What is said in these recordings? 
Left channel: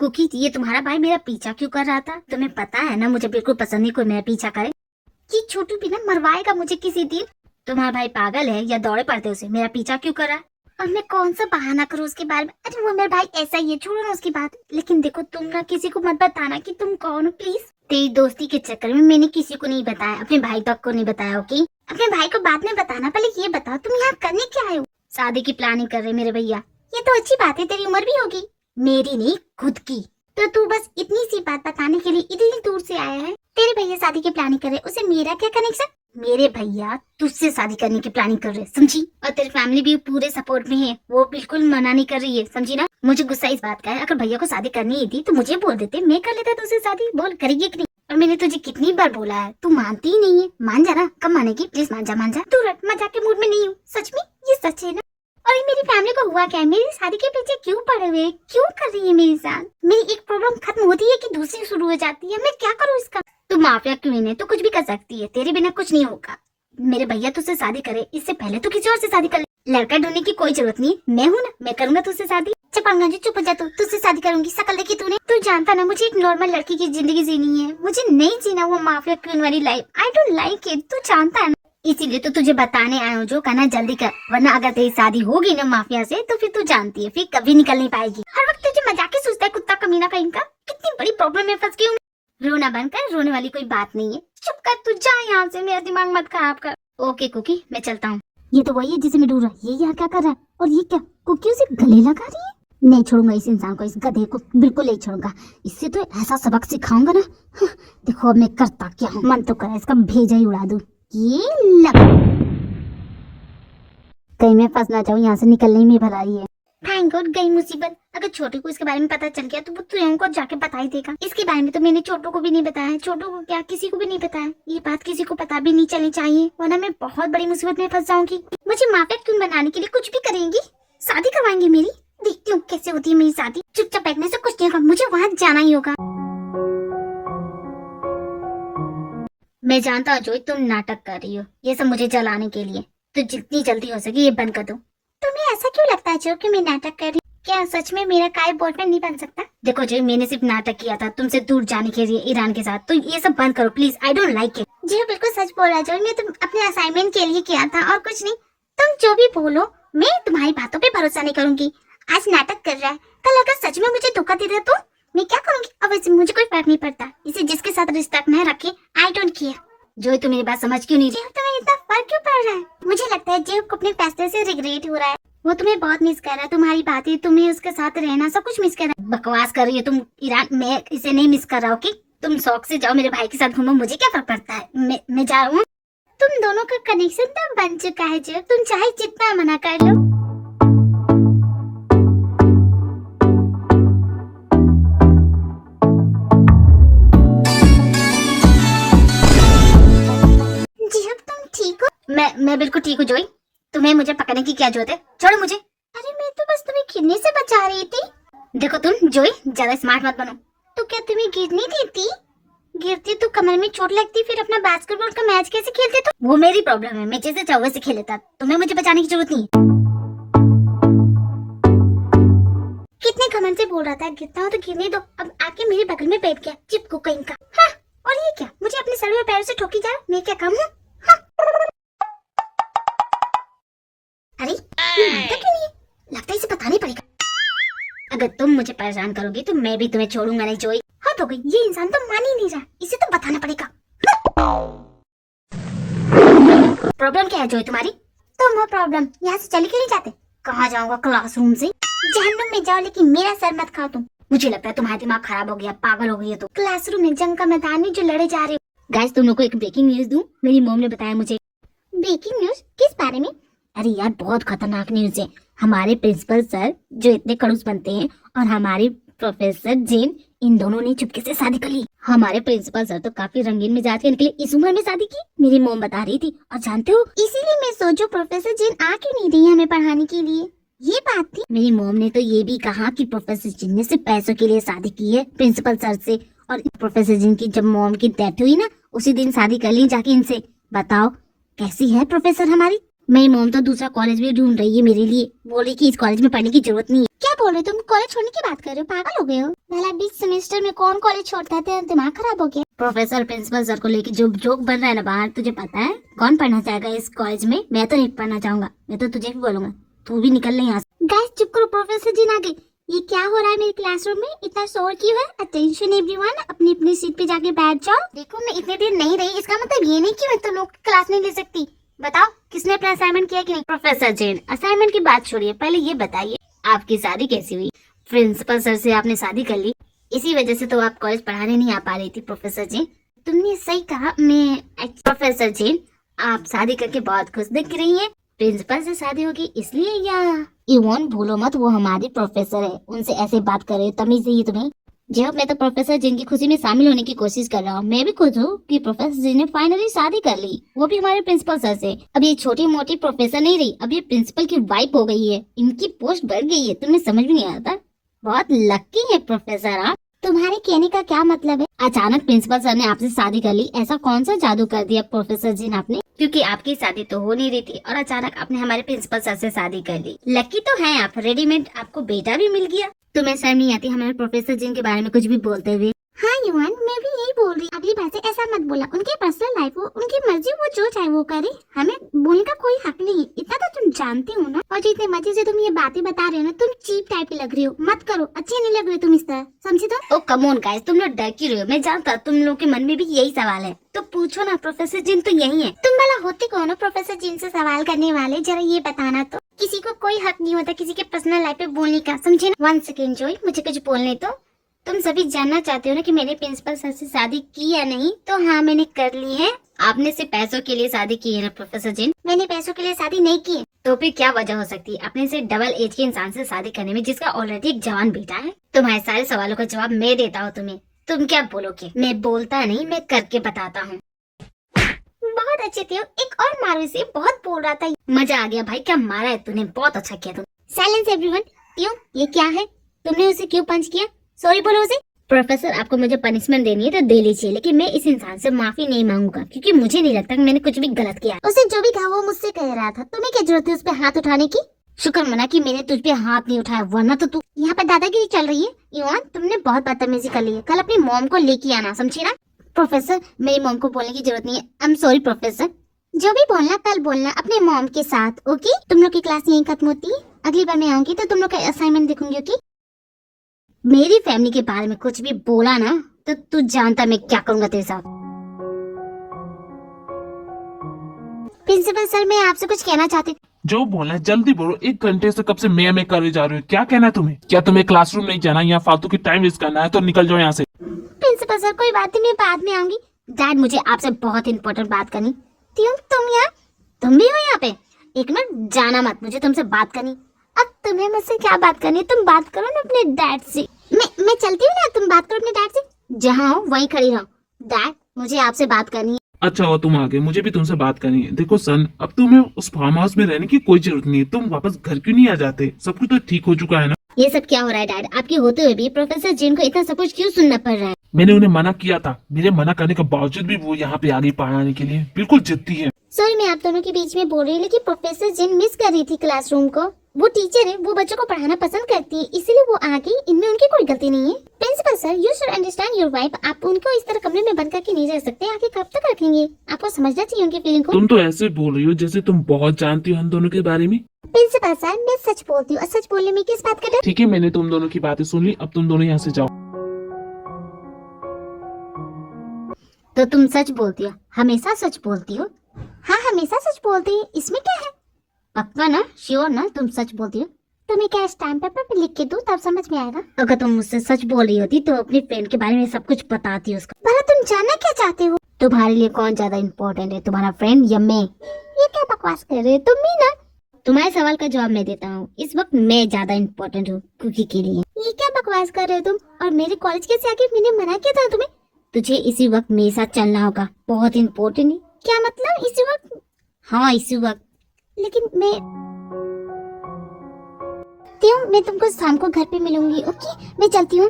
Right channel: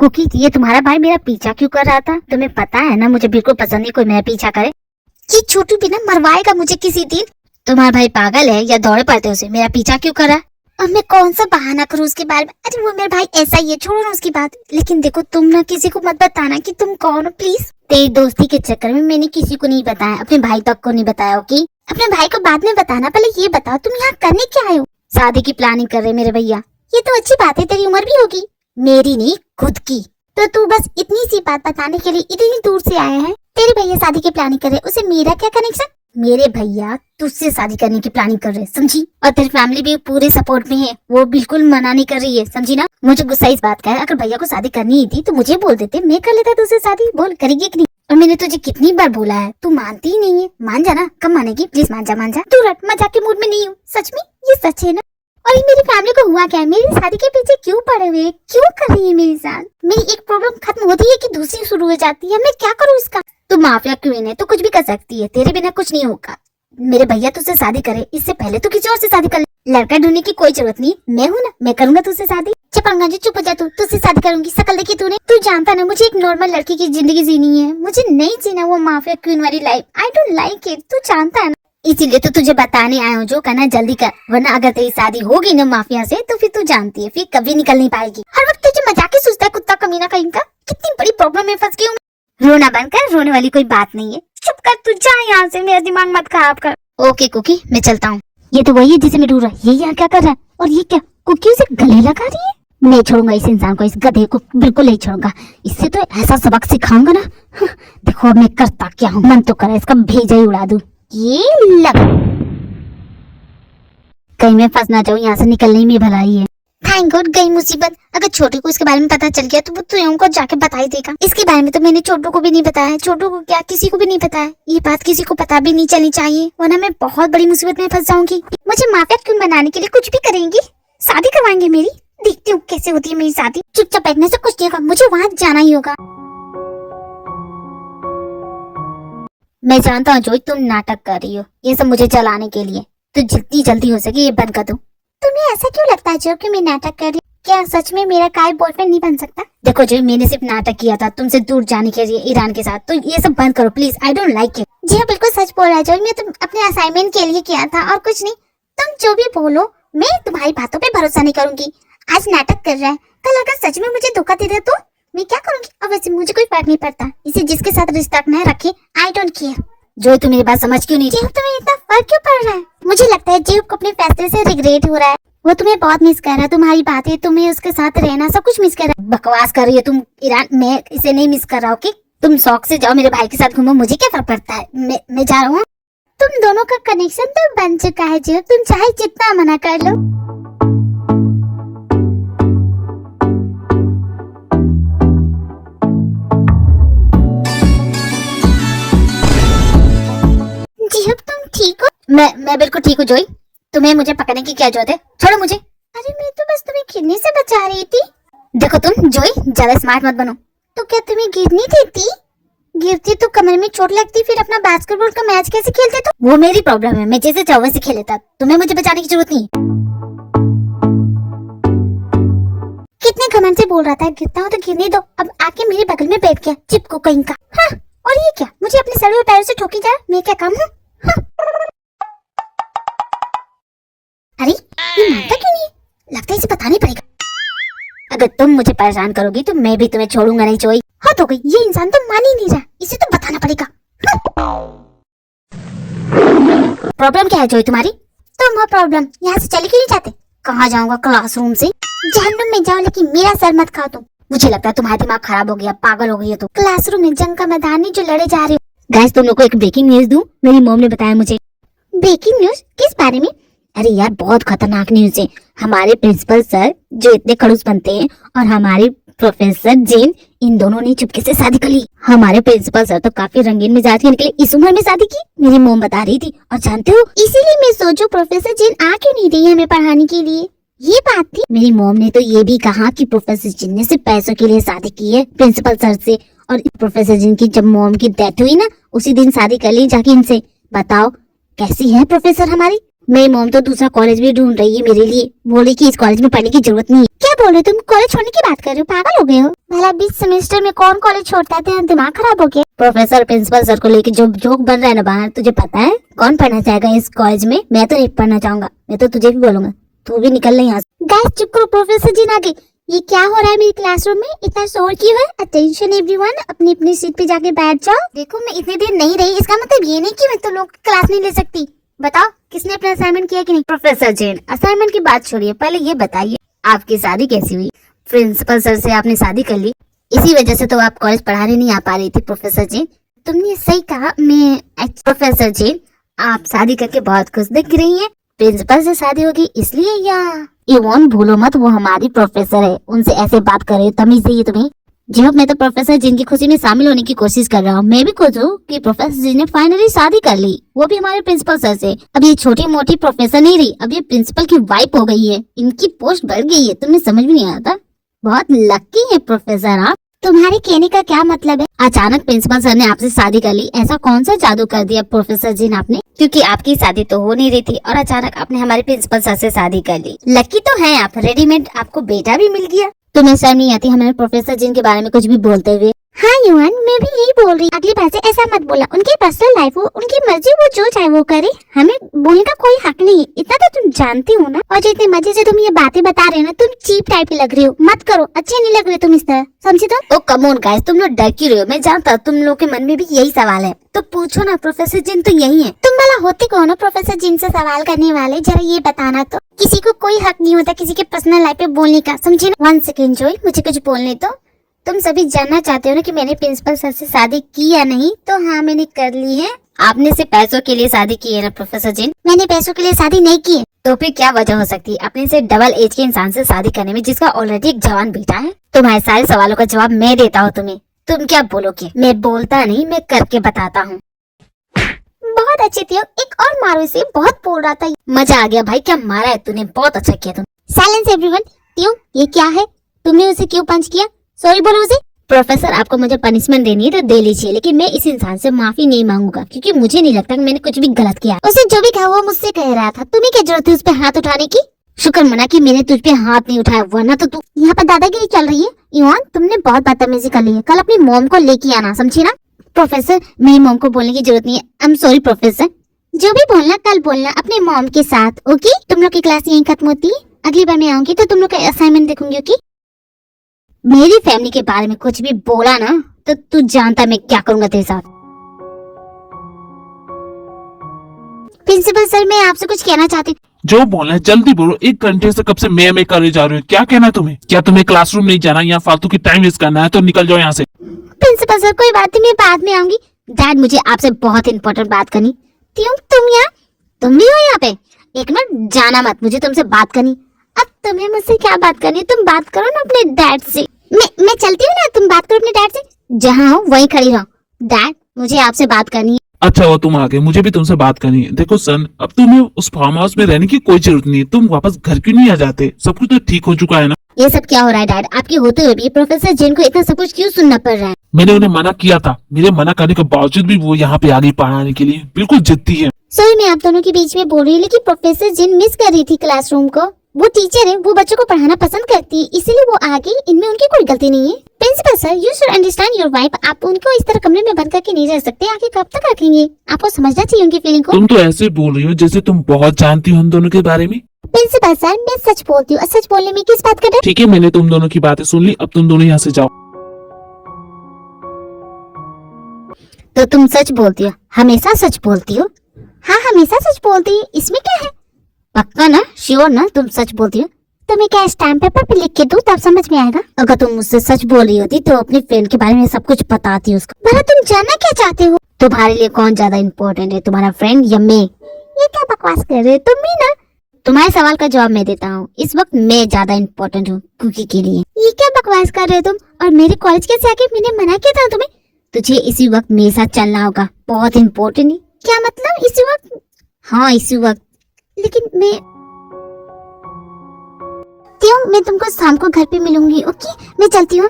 Cookie, ये तुम्हारा भाई मेरा पीछा क्यों कर रहा था? तुम्हें पता है ना मुझे बिल्कुल पसंद नहीं कोई मेरा पीछा करे। ये छोटू भी ना मरवाएगा मुझे किसी दिन। तुम्हारा भाई पागल है या दौड़े पड़ते उसे मेरा पीछा क्यों करा? और मैं कौन सा बहाना करूँ उसके बारे में? अरे वो मेरा भाई ऐसा ही है, छोड़ो ना उसकी बात। लेकिन देखो तुम ना किसी को मत बताना कि तुम कौन हो प्लीज। तेरी दोस्ती के चक्कर में मैंने किसी को नहीं बताया, अपने भाई तक को नहीं बताया। ओके, अपने भाई को बाद में बताना, पहले ये बताओ तुम यहाँ करने क्या आए हो? शादी की प्लानिंग कर रहे मेरे भैया। ये तो अच्छी बात है, तेरी उम्र भी होगी। मेरी नहीं, खुद की। तो तू बस इतनी सी बात बताने के लिए इतनी दूर से आया है? तेरे भैया शादी की प्लानिंग कर रहे, उसे मेरा क्या कनेक्शन? मेरे भैया तुझसे शादी करने की प्लानिंग कर रहे, समझी? और तेरी फैमिली भी पूरे सपोर्ट में है, वो बिल्कुल मना नहीं कर रही है, समझी ना? मुझे गुस्सा इस बात का है, अगर भैया को शादी करनी ही थी तो मुझे बोल देते, मैं कर लेता तुझसे शादी। बोल करेगी कि नहीं? और मैंने तुझे कितनी बार बोला है, तू मानती ही नहीं है। मान जा ना, कब मानेगी? प्लीज मान जा, मान जा। तू रट, मजाक के मूड में नहीं हूँ, सच में ये सच है ना? और ये मेरी फैमिली को हुआ क्या है? मेरी शादी के पीछे क्यों पड़े हुए? क्यों कर रही है मेरे साथ? मेरी एक प्रॉब्लम खत्म होती है कि दूसरी शुरू हो जाती है। मैं क्या करूँ इसका? तू माफिया क्वीन है, तो कुछ भी कर सकती है, तेरे बिना कुछ नहीं होगा। मेरे भैया तुझसे शादी करे इससे पहले तो किसी और से शादी कर ले। लड़का ढूंढने की कोई जरूरत नहीं, मैं हूँ ना, मैं करूंगा तुझसे शादी। चपंगा जी चुप हो जा, तू तुझसे शादी करूंगी। शकल देखी तूने? तू जानता ना मुझे एक नॉर्मल लड़की की जिंदगी जीनी है, मुझे नहीं जीना वो माफिया क्वीन वाली life. I don't like it, तू जानता है ना। इसीलिए तो तुझे बताने आया हूँ, जो करना जल्दी कर, वरना अगर तेरी शादी होगी ना माफिया से तो फिर तू जानती है फिर कभी निकल नहीं पाएगी। हर वक्त तुझे मजाक ही सोचता है, कुत्ता कमीना कहीं का। कितनी बड़ी प्रॉब्लम में फंस गई हूँ। रोना बंद कर, रोने वाली कोई बात नहीं है। चुप कर, तू जा यहाँ से, मेरा दिमाग मत खराब कर। ओके कुकी, मैं चलता हूँ। ये तो वही है जिसे मैं ढूंढ रहा, ये यहाँ क्या कर रहा है? और ये क्या, कुकी उसे गले लगा रही है? नहीं छोड़ूंगा इस इंसान को, इस गधे को बिल्कुल नहीं छोड़ूंगा। इससे तो ऐसा सबक सिखाऊंगा ना। देखो अब मैं करता क्या हूँ, मन तो करे इसका भेजा ही उड़ा दूं। ये लग कहीं मैं फंस ना जाऊँ, यहाँ से निकलने में भलाई है। थैंक गॉड गई मुसीबत। अगर छोटे को इसके बारे में पता चल गया तो वो तुम को जाके बता ही देगा। इसके बारे में तो मैंने छोटू को भी नहीं बताया, छोटू को क्या किसी को भी नहीं बताया। ये बात किसी को पता भी नहीं चलनी चाहिए, वरना मैं बहुत बड़ी मुसीबत में फंस जाऊंगी। मुझे माफिया क्यों बनाने के लिए कुछ भी करेंगी, शादी करवाएंगे मेरी। देखती हूँ कैसे होती है मेरी शादी। चुपचाप बैठने से कुछ नहीं होगा, मुझे वहाँ जाना ही होगा। मैं जानता हूँ जोई तुम नाटक कर रही हो, ये सब मुझे चलाने के लिए, तो जितनी जल्दी हो सके ये बंद कर दो। तुम्हें ऐसा क्यों लगता है जो कि मैं नाटक कर रही? क्या सच में मेरा काय बॉयफ्रेंड नहीं बन सकता? देखो जो मैंने सिर्फ नाटक किया था तुमसे दूर जाने के लिए ईरान के साथ, तो ये सब बंद करो please. I don't like it. जी हाँ बिल्कुल सच बोल रहा है जो, मैं तुम अपने असाइनमेंट के लिए किया था और कुछ नहीं। तुम जो भी बोलो मैं तुम्हारी बातों पे भरोसा नहीं करूंगी। आज नाटक कर रहा है, कल अगर सच में मुझे धोखा दे दे तो मैं क्या करूंगी? अब वैसे मुझे कोई फर्क नहीं पड़ता, इसे जिसके साथ रिश्ता न रखे, आई डोंट केयर। जो तुम्हें बात समझ क्यों नहीं रही? तुम्हें इतना फर्क क्यों पड़ रहा है? मुझे लगता है जेब को अपने फैसले से रिग्रेट हो रहा है। वो तुम्हें बहुत मिस कर रहा है, तुम्हारी बातें, तुम्हें उसके साथ रहना, सब कुछ मिस कर रहा है। बकवास कर रही है तुम ईरान, मैं इसे नहीं मिस कर रहा हूँ। तुम शौक से जाओ मेरे भाई के साथ घूमो, मुझे क्या फर्क पड़ता है, मैं जा रहा हूँ। तुम दोनों का कनेक्शन तो बन चुका है जेब, तुम चाहे जितना मना कर लो। ठीक हो? मैं बिल्कुल ठीक हूँ जोई, तुम्हें मुझे पकड़ने की क्या जरूरत है? छोड़ो मुझे। अरे मैं तो बस तुम्हें गिरने से बचा रही थी। देखो तुम जोई ज्यादा स्मार्ट मत बनो। तो क्या तुम्हें गिरनी देती? गिरती तो कमर में चोट लगती, फिर अपना बास्केटबॉल का मैच कैसे खेलते? तो वो मेरी प्रॉब्लम है, मैं जैसे चाहूँ वैसे खेल लेता, तुम्हें मुझे बचाने की जरूरत नहीं। कितने घमंड से बोल रहा था गिरता हो तो गिरने दो, अब आके मेरे बगल में बैठ गया चिपको कहीं का। हाँ, और ये क्या, मुझे अपने सर में पैरों से ठोकी जा, मैं क्या काम हूँ? अरे ये मानता क्यों नहीं? लगता है इसे पता नहीं पड़ेगा। अगर तुम मुझे परेशान करोगी तो मैं भी तुम्हें छोड़ूंगा नहीं जोई। हद हो गई, ये इंसान तो मान ही नहीं रहा, इसे तो बताना पड़ेगा। प्रॉब्लम क्या है जोई तुम्हारी? तुम हो प्रॉब्लम, यहाँ से चले क्यों नहीं जाते? कहाँ जाऊंगा? क्लासरूम से। जहन्नुम में जाओ, लेकिन मेरा सर मत खाओ तुम। मुझे लगता है तुम्हारा दिमाग खराब हो गया, पागल हो गई है तुम। क्लासरूम में जंग का मैदान है जो लड़े जा रहे हो। गाइस तुम लोग को एक ब्रेकिंग न्यूज दूं, मेरी मॉम ने बताया मुझे। Breaking news? किस बारे में? अरे यार बहुत खतरनाक न्यूज है। हमारे प्रिंसिपल सर जो इतने खड़ूस बनते हैं और हमारे प्रोफेसर जिन, इन दोनों ने चुपके से शादी कर ली। हमारे प्रिंसिपल सर तो काफी रंगीन मिजाज के निकले, इस उम्र में शादी की, मेरी मोम बता रही थी। और जानते हो इसीलिए मैं सोचो प्रोफेसर जिन आ क्यों नहीं रही हमें पढ़ाने के लिए, ये बात थी। मेरी मोम ने तो ये भी कहा कि प्रोफेसर जिन ने सिर्फ पैसों के लिए शादी की है प्रिंसिपल सर से, और प्रोफेसर जिन की जब मोम की डेथ हुई ना उसी दिन शादी कर ली जाके इनसे। बताओ कैसी है प्रोफेसर हमारी? मेरी मॉम तो दूसरा कॉलेज भी ढूंढ रही है मेरे लिए, बोले कि इस कॉलेज में पढ़ने की जरूरत नहीं है। क्या बोल रहे हो तुम? कॉलेज छोड़ने की बात कर रहे हो? पागल हो गए हो? भला 20 सेमेस्टर में कौन कॉलेज छोड़ता है? दिमाग खराब हो गया? प्रोफेसर प्रिंसिपल सर को लेके जो जोक बन रहा है ना बाहर, तुझे पता है कौन पढ़ना चाहेगा इस कॉलेज में? मैं तो नहीं पढ़ना चाहूंगा। मैं तो तुझे भी बोलूंगा तू भी निकल नहीं यहाँ से। गाइस चुप करो, प्रोफेसर जी ना गए। ये क्या हो रहा है मेरे क्लासरूम में? इतना शोर क्यों है? अटेंशन एवरीवन, अपनी अपनी सीट पे जाके बैठ जाओ। देखो मैं इतनी देर नहीं रही, इसका मतलब ये नहीं कि मैं तो लोग क्लास नहीं ले सकती। बताओ किसने अपना असाइनमेंट किया कि नहीं? प्रोफेसर जैन, असाइनमेंट की बात छोड़िए, पहले ये बताइए आपकी शादी कैसी हुई? प्रिंसिपल सर से आपने शादी कर ली, इसी वजह से तो आप कॉलेज पढ़ाने नहीं आ पा रही थी। प्रोफेसर जी तुमने सही कहा। प्रोफेसर जी आप शादी करके बहुत खुश दिख रही हैं। प्रिंसिपल से शादी होगी इसलिए, या इवन भूलो मत वो हमारी प्रोफेसर है, उनसे ऐसे बात करे तमीज नहीं है तुम्हें? जी हाँ, मैं तो प्रोफेसर जिनकी खुशी में शामिल होने की कोशिश कर रहा हूँ। मैं भी खुश हूँ कि प्रोफेसर जी ने फाइनली शादी कर ली, वो भी हमारे प्रिंसिपल सर से। अब ये छोटी मोटी प्रोफेसर नहीं रही, अब ये प्रिंसिपल की वाइफ हो गई है, इनकी पोस्ट बढ़ गई है। तुम्हें समझ में नहीं आता? बहुत लकी है प्रोफेसर आप। तुम्हारे कहने का क्या मतलब है? अचानक प्रिंसिपल सर ने आपसे शादी कर ली, ऐसा कौन सा जादू कर दिया प्रोफेसर जी ने आपने? क्योंकि आपकी शादी तो हो नहीं रही थी और अचानक आपने हमारे प्रिंसिपल सर से शादी कर ली। लकी तो है आप, रेडीमेड आपको बेटा भी मिल गया। तुम्हें शर्म नहीं आती हमारे प्रोफेसर जी के बारे में कुछ भी बोलते हुए? हाँ युवन, मैं भी यही बोल रही। अगली बार से ऐसा मत बोला। उनकी पर्सनल लाइफ हो, उनकी मर्जी, वो जो चाहे वो करे, हमें बोलने का कोई हक नहीं है। इतना तो तुम जानती हो ना। और जितने मजे से तुम ये बातें बता रहे हो ना, तुम चीप टाइप की लग रहे हो। मत करो, अच्छे नहीं लग रहे तुम इस तरह, समझे तुम? ओ कम ऑन गाइस, तुम लोग डर क्यों रहे हो? मैं जानता तुम लोग के मन में भी यही सवाल है, तो पूछो ना। प्रोफेसर जिन तो यही है। तुम भला होते कौन हो प्रोफेसर जिन से सवाल करने वाले? जरा ये बताना तो। किसी को कोई हक नहीं होता किसी के पर्सनल लाइफ पे बोलने का, समझे ना? 1 सेकेंड जोई, मुझे कुछ बोलने तो। तुम सभी जानना चाहते हो ना कि मैंने प्रिंसिपल सर से शादी की या नहीं? तो हाँ, मैंने कर ली है। आपने सिर्फ पैसों के लिए शादी की है ना प्रोफेसर जिन? मैंने पैसों के लिए शादी नहीं की है। तो फिर क्या वजह हो सकती है अपने से डबल एज के इंसान से शादी करने में, जिसका ऑलरेडी एक जवान बेटा है? तुम्हारे सारे सवालों का जवाब मैं देता हूँ तुम्हें, तुम क्या बोलोगे? मैं बोलता नहीं, मैं करके बताता हूँ। बहुत अच्छे थे, एक और मारो इसे, बहुत बोल रहा था। मजा आ गया भाई, क्या मारा है तूने, बहुत अच्छा किया तुम। Silence everyone. क्यों, ये क्या है? तुमने उसे क्यों पंच किया? सॉरी बोलो उसे। प्रोफेसर आपको मुझे पनिशमेंट देनी है तो दे लीजिए, लेकिन मैं इस इंसान से माफी नहीं मांगूंगा, क्योंकि मुझे नहीं लगता कि मैंने कुछ भी गलत किया। उसे जो भी कहा वो मुझसे कह रहा था, तुम्हें क्या जरूरत है उस पे हाथ उठाने की? शुक्र मना कि मैंने तुझ पे हाथ नहीं उठाया, वरना तो तू यहाँ पे दादागिरी चल रही है। इवान तुमने बहुत बदतमीजी कर ली है, कल अपनी मॉम को लेके आना, समझी ना? प्रोफेसर मेरी मॉम को बोलने की जरूरत नहीं है। I am sorry professor. जो भी बोलना कल बोलना अपने मॉम के साथ, ओके? तुम लोग की क्लास यहीं खत्म होती है, अगली बार मैं आऊंगी तो तुम लोग का असाइनमेंट देखूंगी, ओके? मेरी फैमिली के बारे में कुछ भी बोला ना तो तू जानता मैं क्या करूंगा तेरे साथ। प्रिंसिपल सर, मैं आपसे कुछ कहना चाहती हूँ। जो बोलना है जल्दी बोलो, 1 घंटे से कब से मैं करे जा रही हूँ। क्या कहना है तुम्हें? क्या तुम्हें क्लासरूम नहीं जाना, यहाँ फालतू की टाइम वेस्ट करना है तो निकल जाओ यहाँ से। प्रिंसिपल सर कोई बात नहीं, मैं बाद में आऊंगी। डैड मुझे आपसे बहुत इंपॉर्टेंट बात करनी। तुम यहाँ, तुम भी हो यहाँ पे? एक मिनट, जाना मत, मुझे तुमसे बात करनी। अब तुम्हें मुझसे क्या बात करनी है? तुम बात करो ना अपने डैड से। मैं चलती हूँ ना, तुम बात करो अपने डैड से। जहाँ हो वहीं खड़ी रहो। डैड मुझे आपसे बात करनी है। अच्छा वो तुम आ गए, मुझे भी तुमसे बात करनी है। देखो सन, अब तुम्हें उस फार्म हाउस में रहने की कोई जरूरत नहीं है, तुम वापस घर क्यों नहीं आ जाते? सब कुछ तो ठीक हो चुका है ना? ये सब क्या हो रहा है डैड? आपके होते हुए भी प्रोफेसर जिन को इतना सब कुछ क्यों सुनना पड़ रहा है? मैंने उन्हें मना किया था, मेरे मना करने के बावजूद भी वो यहाँ पे आ गई पढ़ाने के लिए, बिल्कुल जिद्दी है। सॉरी मैं आप दोनों के बीच में बोल रही हूँ, लेकिन प्रोफेसर जिन मिस कर रही थी क्लासरूम को। वो टीचर है, वो बच्चों को पढ़ाना पसंद करती है, इसीलिए वो आ गई। इनमें उनकी कोई गलती नहीं है। Principal sir, you should understand your wife. आप उनको इस तरह कमरे में बंद करके नहीं रह सकते। आगे कब तक रखेंगे? आपको समझना चाहिए उनकी फीलिंग को। तुम तो ऐसे बोल रही हो जैसे तुम बहुत जानती हो हम दोनों के बारे में। प्रिंसिपल सर, मैं सच बोलती हूँ, सच बोलने में किस बात का डर? ठीक है, मैंने तुम दोनों की बातें सुन ली, अब तुम दोनों यहाँ से जाओ। तो तुम सच बोलती हो? हमेशा सच बोलती हो? हाँ हमेशा सच बोलती है, इसमें क्या है? पक्का ना? श्योर ना तुम सच बोलती हो? तो मैं क्या स्टैम्प पेपर पे लिख के दूं, तब समझ में आएगा? अगर तुम मुझसे सच बोल रही होती तो अपनी फ्रेंड के बारे में सब कुछ बताती उसको। भला तुम जानना क्या चाहते हो? तुम्हारे लिए कौन ज्यादा इम्पोर्टेंट है, तुम्हारा फ्रेंड या मैं? ये क्या बकवास कर रहे हो तुम भी ना? तुम्हारे सवाल का जवाब मैं देता हूँ। इस वक्त मैं ज्यादा इम्पोर्टेंट हूँ कुकी के लिए। ये क्या बकवास कर रहे हो तुम? और मेरे कॉलेज कैसे आके? मैंने मना किया था तुम्हें। तुझे इसी वक्त मेरे साथ चलना होगा, बहुत इम्पोर्टेंट है। क्या मतलब इसी वक्त? हाँ इसी वक्त। लेकिन मैं तुमको शाम को घर पे मिलूंगी, ओके? मैं चलती हूँ।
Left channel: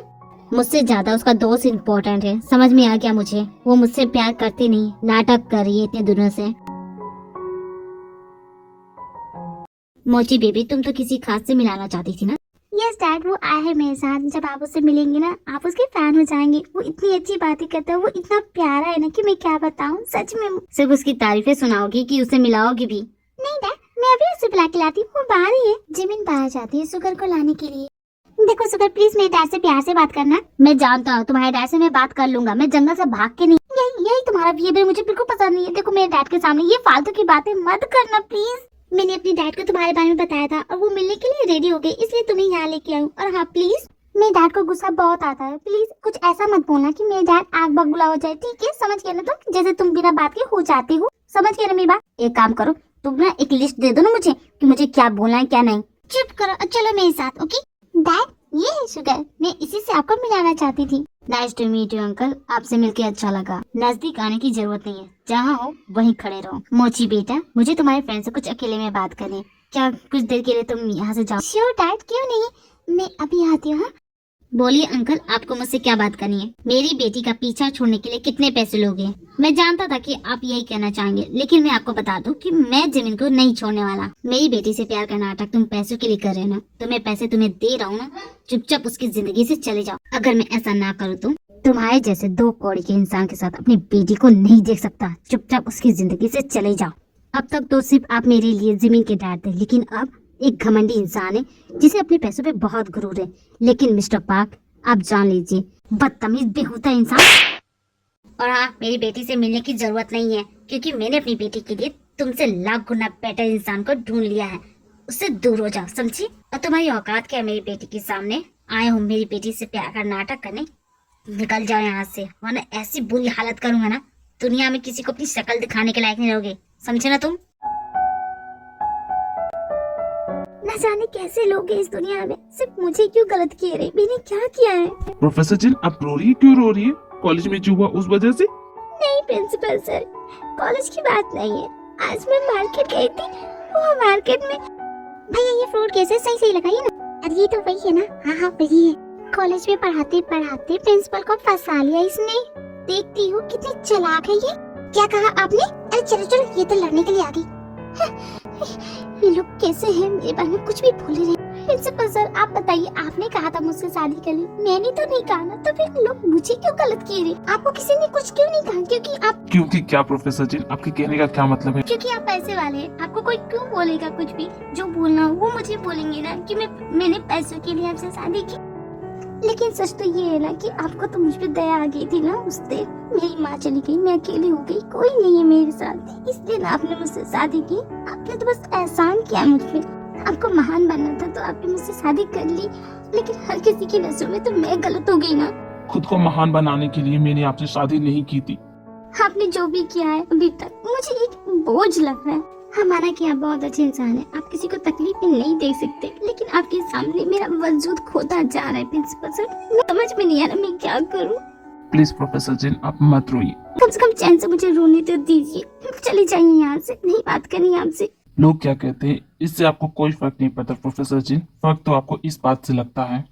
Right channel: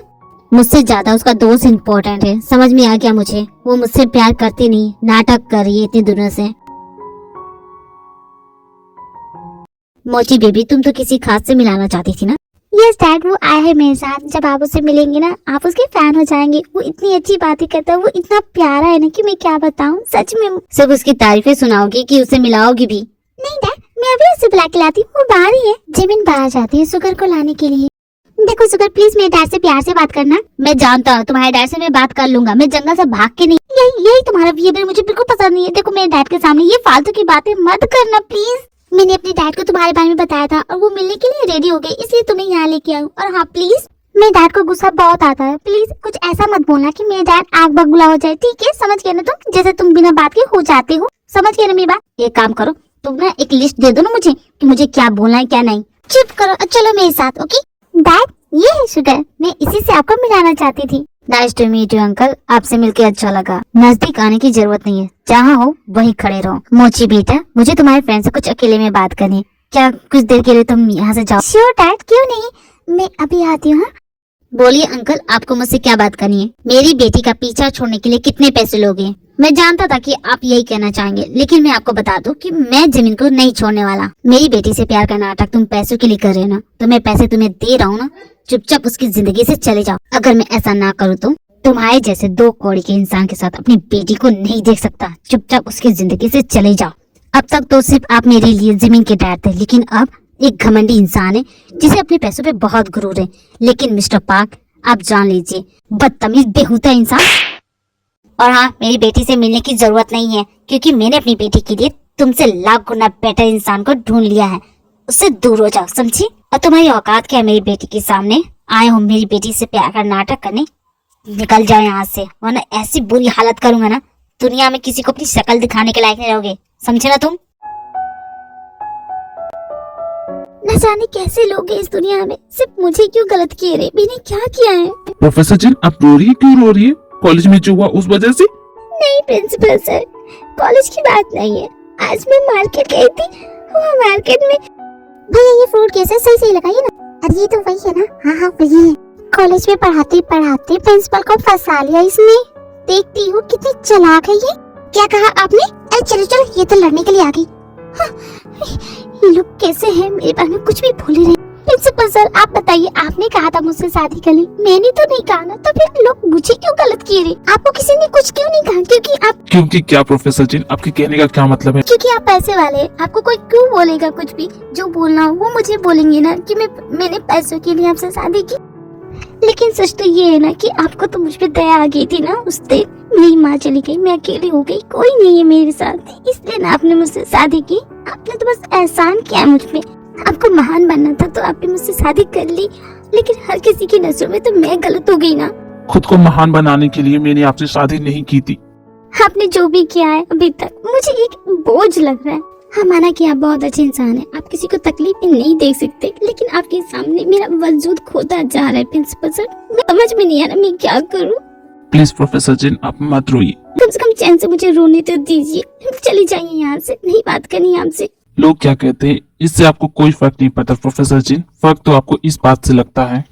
मुझसे ज्यादा उसका दोस्त इम्पोर्टेंट है, समझ में आ गया मुझे। वो मुझसे प्यार करती नहीं, नाटक कर रही है इतने दिनों से। मोची बेबी, तुम तो किसी खास से मिलाना चाहती थी ना? यस डैड, वो आया है मेरे साथ। जब आप उससे मिलेंगे ना, आप उसके फैन हो जाएंगे। वो इतनी अच्छी बातें करता है, वो इतना प्यारा है ना कि मैं क्या बताऊं। सच में सब उसकी तारीफें सुनाओगी कि उसे मिलाओगी भी? नहीं डैड, मैं अभी उसे बुला के लाती हूँ। वो बाहर ही है। जिमिन बाहर जाती है सुगर को लाने के लिए। देखो सुगर, प्लीज मेरे डैड से प्यार से बात करना। मैं जानता हूँ तुम्हारे डैड से मैं बात कर लूंगा। मैं जंगल से भाग के नहीं। यही तुम्हारा बिहेवियर मुझे बिल्कुल पसंद नहीं है। देखो मेरे डैड के सामने ये फालतू की बातें मत करना प्लीज। मैंने अपने डैड को तुम्हारे बारे में बताया था और वो मिलने के लिए रेडी हो गए, इसलिए तुम्हें यहाँ लेके आऊँ। और हाँ प्लीज, मेरे डैड को गुस्सा बहुत आता है। प्लीज कुछ ऐसा मत बोलना कि मेरे डैड आग बगुला हो जाए। ठीक है, समझ गए ना तुम? जैसे तुम बिना बात के हो जाते हो। समझ गए ना मेरी बात? एक काम करो, तुम ना एक लिस्ट दे दो ना मुझे कि मुझे क्या बोलना है क्या नहीं। चुप करो, चलो मेरे साथ। ओके डैड, ये है शुगर। मैं इसी से आपको मिलाना चाहती थी। Nice to meet you uncle, आपसे मिलके अच्छा लगा। नजदीक आने की जरूरत नहीं है, जहाँ हो वहीं खड़े रहो। मोची बेटा, मुझे तुम्हारे फ्रेंड से कुछ अकेले में बात करनी है। क्या कुछ देर के लिए तुम यहाँ से जाओ? श्योर डैड, क्यों नहीं, मैं अभी आती हूँ। बोलिए अंकल, आपको मुझसे क्या बात करनी है? मेरी बेटी का पीछा छोड़ने के लिए कितने पैसे लोगे? मैं जानता था कि आप यही कहना चाहेंगे, लेकिन मैं आपको बता दूं कि मैं जमीन को नहीं छोड़ने वाला। मेरी बेटी से प्यार का नाटक तुम पैसों के लिए कर रहे हो ना, तो मैं पैसे तुम्हें दे रहा हूँ ना, चुपचाप उसकी जिंदगी से चले जाओ। अगर मैं ऐसा ना करूँ तो तुम्हारे जैसे 2 कौड़ी के इंसान के साथ अपनी बेटी को नहीं देख सकता। चुपचाप उसकी जिंदगी से चले जाओ। अब तक तो सिर्फ आप मेरे लिए जमीन के डैड थे, लेकिन अब एक घमंडी इंसान है जिसे अपने पैसों पे बहुत गुरूर है। लेकिन मिस्टर पार्क, आप जान लीजिए, बदतमीज बेहुदा इंसान। और हाँ, मेरी बेटी से मिलने की जरूरत नहीं है, क्योंकि मैंने अपनी बेटी के लिए तुमसे लाख गुना बेटर इंसान को ढूंढ लिया है। उससे दूर हो जाओ, समझी? और तुम्हारी औकात क्या है मेरी बेटी के सामने? आए हो मेरी बेटी से प्यार का नाटक करने? निकल जाओ यहाँ से, वरना ऐसी बुरी हालत करूंगा ना, दुनिया में किसी को अपनी शक्ल दिखाने के लायक नहीं रहोगे। समझे ना तुम? न जाने कैसे लोग हैं इस दुनिया में, सिर्फ मुझे क्यों गलत किए रे? मैंने क्या किया है? प्रोफेसर जिन, आप रो रही है? क्यों रो रही है? कॉलेज में जो हुआ उस वजह से? नहीं प्रिंसिपल सर, कॉलेज की बात नहीं है। आज मैं मार्केट गई थी, वो मार्केट में भैया ये फ्रूट कैसे सही लगाइए ना। अरे ये तो वही है ना? हाँ हाँ वही है। कॉलेज में पढ़ाते पढ़ाते प्रिंसिपल को फंसा लिया इसने। देखती हो कितनी चालाक है ये। क्या कहा आपने? अरे चलो चलो, ये तो लड़ने के लिए आ गई। हाँ, ये लोग कैसे हैं, मेरे बारे में कुछ भी बोले रहे। प्रिंसिपल सर आप बताइए, आपने कहा था मुझसे शादी कर ली, मैंने तो नहीं कहा ना, तो फिर लोग मुझे क्यों गलत किए रहे? आपको किसी ने कुछ क्यों नहीं कहा? क्योंकि क्या प्रोफेसर जिन, आपके कहने का क्या मतलब है? क्योंकि आप पैसे वाले हैं। आपको कोई क्यों बोलेगा कुछ भी? जो बोलना हो वो मुझे बोलेंगे ना कि मैंने पैसों के लिए आपसे शादी की। लेकिन सच तो ये है ना कि आपको तो मुझ पे दया आ गई थी ना उस दिन। मेरी माँ चली गई, मैं अकेली हो गई, कोई नहीं है मेरे साथ, इसलिए ना आपने मुझसे शादी की। आपने तो बस एहसान किया मुझ पे। आपको महान बनना था तो आपने मुझसे शादी कर ली, लेकिन हर किसी की नजरों में तो मैं गलत हो गई ना। खुद को महान बनाने के लिए मैंने आपसे शादी नहीं की थी। आपने जो भी किया है अभी तक, मुझे एक बोझ लग रहा है। हाँ माना कि आप बहुत अच्छे इंसान हैं, आप किसी को तकलीफ में नहीं देख सकते, लेकिन आपके सामने मेरा वजूद खोता जा रहा है प्रिंसिपल सर। मैं समझ में नहीं आ रहा मैं क्या करूँ। प्लीज प्रोफेसर जिन, आप मत रोइए। कम से कम चैन से मुझे रोने तो दीजिए। चली जाइए यहाँ से, नहीं बात करनी आपसे। लोग क्या कहते हैं इससे आपको कोई फर्क नहीं पड़ता प्रोफेसर जिन। फर्क तो आपको इस बात से लगता है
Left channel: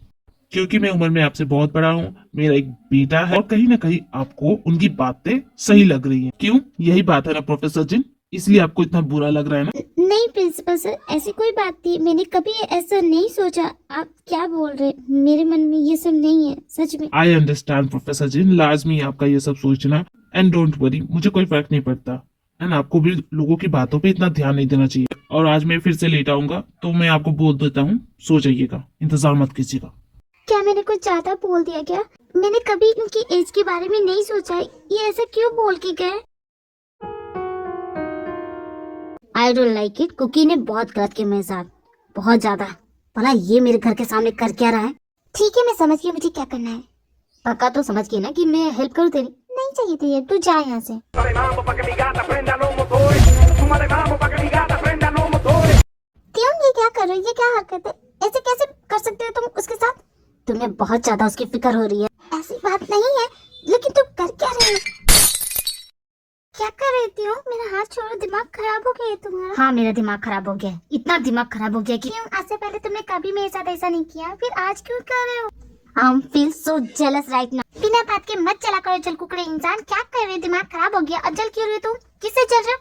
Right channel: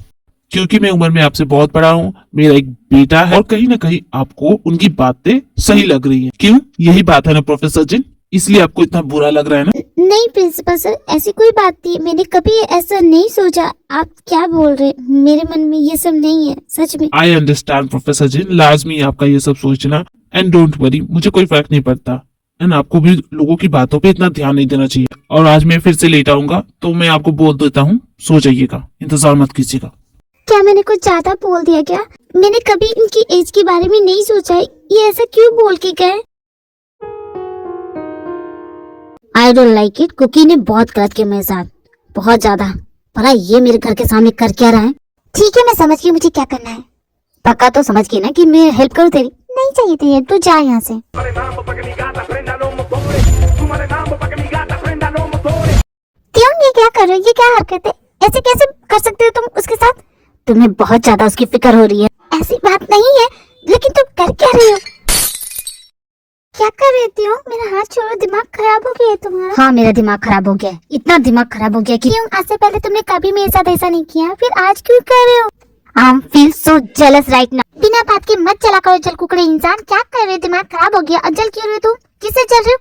क्योंकि मैं उम्र में आपसे बहुत बड़ा हूँ, मेरा एक बेटा है और कहीं ना कहीं आपको उनकी बातें सही लग रही हैं। क्यों? यही बात है ना प्रोफेसर जिन, इसलिए आपको इतना बुरा लग रहा है ना? नहीं प्रिंसिपल सर, ऐसी कोई बात नहीं, मैंने कभी ऐसा नहीं सोचा। आप क्या बोल रहे? मेरे मन में ये सब नहीं है, सच में। आई अंडरस्टैंड प्रोफेसर जिन, लाजमी आपका ये सब सोचना। एंड डोंट वरी, मुझे कोई फर्क नहीं पड़ता। एंड आपको भी लोगों की बातों पे इतना ध्यान नहीं देना चाहिए। और आज मैं फिर से लेट आऊंगा तो मैं आपको बोल देता हूँ, सो जाइएगा, इंतजार मत कीजिएगा। क्या मैंने कुछ ज्यादा बोल दिया क्या? मैंने कभी इनकी एज के बारे में नहीं सोचा। ये ऐसा क्यों बोल के गए? I don't like it. Cookie ने बहुत गलत किया मेरे साथ, बहुत ज्यादा। भला ये मेरे घर के सामने कर क्या रहा है? ठीक है मैं समझ गई मुझे क्या करना है। पक्का तो समझ गई ना कि मैं हेल्प करूँ तेरी? नहीं चाहिए तेरी, तू जा यहाँ से। क्यों ये क्या कर रहे हो? ये क्या हरकत है? ऐसे कैसे कर सकते हो तुम उसके साथ? तुम्हें बहुत ज्यादा उसकी फिक्र हो रही है। ऐसी बात नहीं है, लेकिन तुम कर क्या रही हो? क्या कर रही हो? मेरा हाथ छोड़ो, दिमाग खराब हो गया है तुम्हारा। हाँ मेरा दिमाग खराब हो गया, इतना दिमाग खराब हो गया कि क्यों? आज से पहले तुमने कभी मेरे साथ ऐसा नहीं किया, फिर आज क्यों कर रहे हो? I feel so jealous right now। बिना बात के मत चला करो जल कुकड़े इंसान। क्या कर रहे हो? दिमाग खराब हो गया। और जल क्यों रहे हो तुम? किससे चल रहे हो?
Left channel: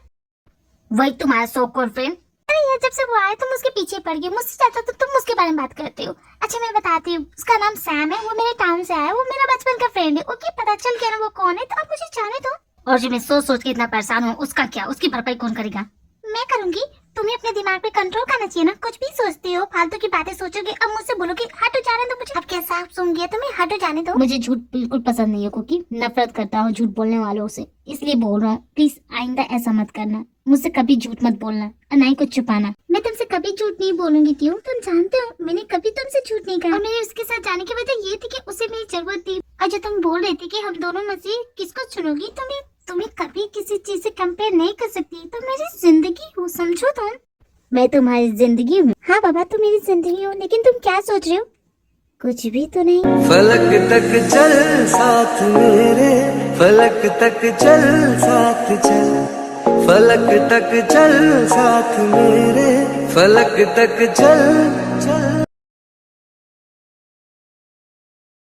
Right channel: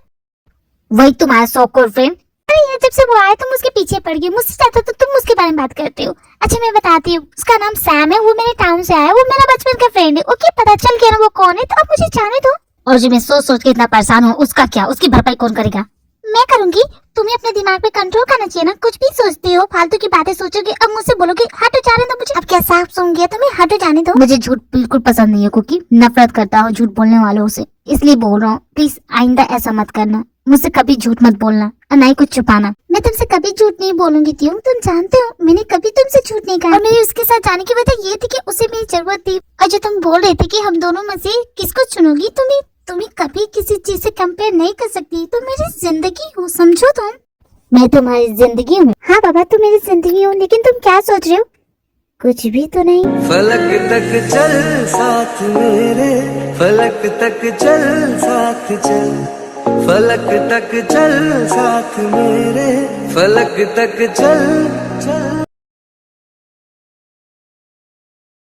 वही तुम्हारा सो कॉल्ड फ्रेंड। अरे यार, जब से वो आए तुम उसके पीछे पड़ गई, मुझसे ज्यादा तो तुम उसके बारे में बात करते हो। अच्छा मैं बताती हूँ, उसका नाम सैम है, वो मेरे टाउन से आया, वो मेरा बचपन का फ्रेंड है। ओके, पता चल गया ना वो कौन है, तो अब मुझे जाने दो। और जो मैं सोच सोच के इतना परेशान हूँ, उसका क्या, उसकी भरपाई कौन करेगा? मैं करूंगी। तुम्हें अपने दिमाग पे कंट्रोल करना चाहिए ना, कुछ भी सोचते हो, फालतू की बातें सोचोगे, अब मुझसे बोलोगे हटो जाने दो मुझे। अब क्या साफ सुन गया तुम्हें, हटो जाने दो। मुझे झूठ बिल्कुल पसंद नहीं है कुकी, नफरत करता हूँ झूठ बोलने वालों से, इसलिए बोल रहा हूँ। प्लीज आइंदा ऐसा मत करना, मुझसे कभी झूठ मत बोलना और ना ही कुछ छुपाना। मैं तुमसे कभी झूठ नहीं बोलूंगी त्यों, तुम जानते हो मैंने कभी तुमसे झूठ नहीं कहा। और मेरी उसके साथ जाने की वजह ये थी कि उसे मेरी जरूरत थी। और जो तुम बोल रहे थे कि हम दोनों में से किसको चुनोगी, तुम्हें कभी किसी चीज से कंपेयर नहीं कर सकती। तुम मेरी जिंदगी हो, समझो तुम। मैं तुम्हारी जिंदगी हूँ। हाँ बाबा, तुम मेरी जिंदगी हो, लेकिन तुम क्या सोच रहे हो? कुछ भी तो नहीं। फलक तक चल साथ मेरे, फलक तक चल साथ चल, फलक तक चल साथ मेरे, फलक तक चल चल।